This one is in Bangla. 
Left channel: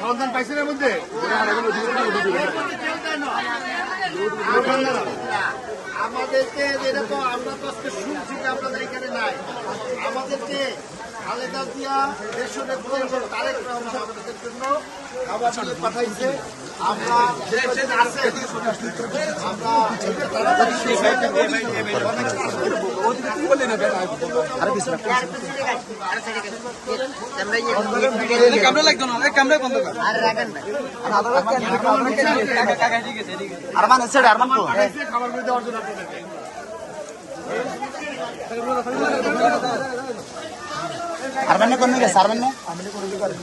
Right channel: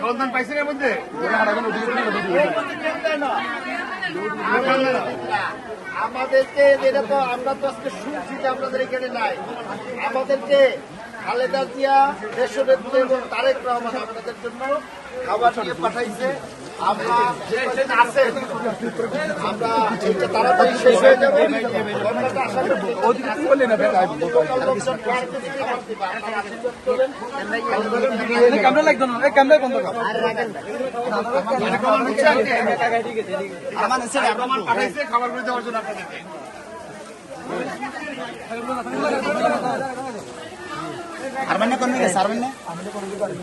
সন্ধান পাইছেন এর মধ্যে আমাদেরকে যেটা তো আমরা তো আজকে শুনছি যে আপনাদের এখানে নাই আমাদেরকে খালেদা জিয়া দেশনেত্রী এবং তারেক রহমানের জন্য আমাদেরকে পাঠাইছি আমরা এটা তাড়াতাড়ি শেষ হয়ে যাবে খাবার দেওয়ার জন্য আপনাদেরকে আরমানে কোন গেছে আরমানে বন্ধ করে